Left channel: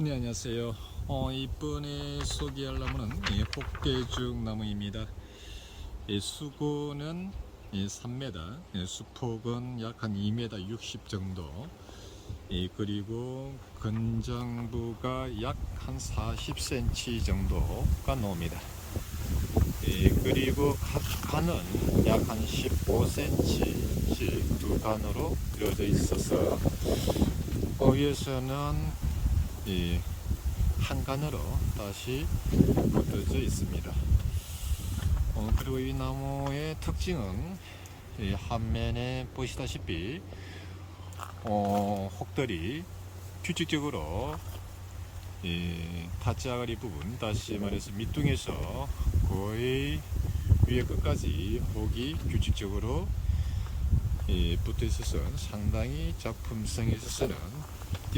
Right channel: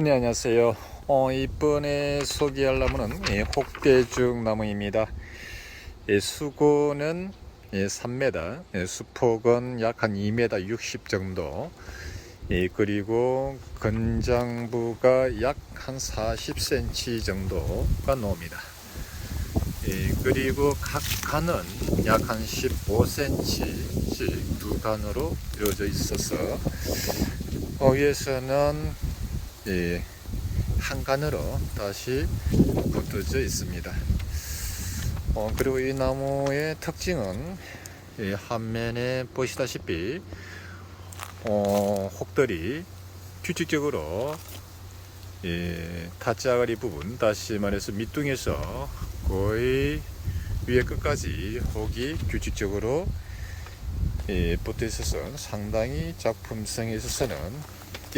네 안녕하세요. 어, 이번에 소개할 나무는 이 혹대죽 나무입니다. 이 수고는 이 3m, 이 수폭은 약 한 2m 60 정도. 이 그리고 건장부가 약 한 40cm 정도가 나옵니다. 이 그리고 각 간은 약 한 15cm씩 두 간으로 이루어져 있어서 어, 위에서는 이 한간으로 다시 붙어져 있습니다. 어, 그리고 이 나무의 특징은 이 한면에 보시다시피 어, 혹들이 규칙적으로 이 타짜가리 부분 다시 말해서 밑둥에서 거의 위에 끝까지 혹이 규칙적으로 이 붙어 있어서 상당히 작품성에 있어서는